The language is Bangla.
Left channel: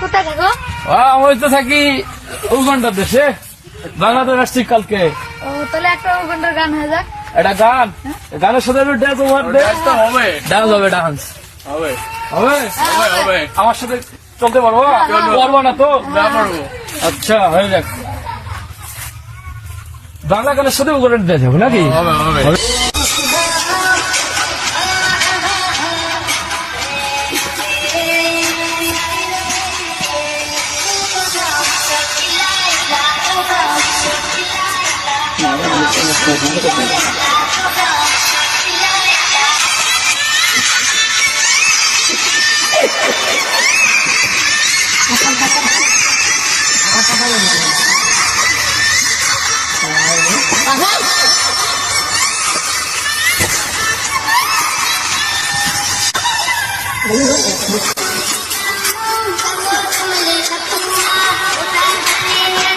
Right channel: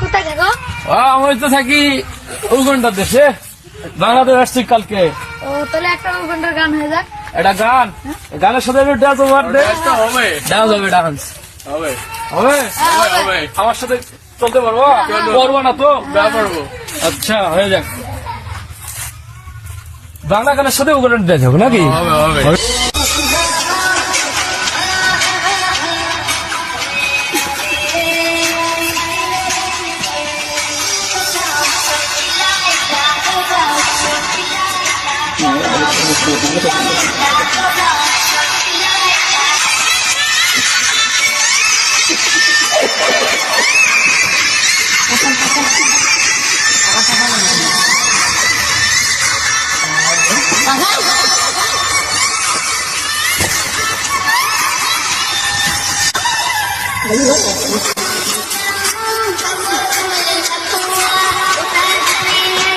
কোথায় থাকো? আমি তো থাকি উগান্ডা দেশে, বাংলাদেশ আসছি কালকে। ও তাহলে একটা উগান্ডার গান হয়ে যাক। এটা গান, গানের সাথে ডান্স ওভার দে। হবে ডান্স হবে, ডান্স হবে হবে। হবে আমার সাথে চলতে পারবো? পারবো না তো? পারবো। আচ্ছা হয়ে যাক। বাংলা গানের সাথে উগান্ডা ডান্স হবে নাকি? হবে হবে Hello.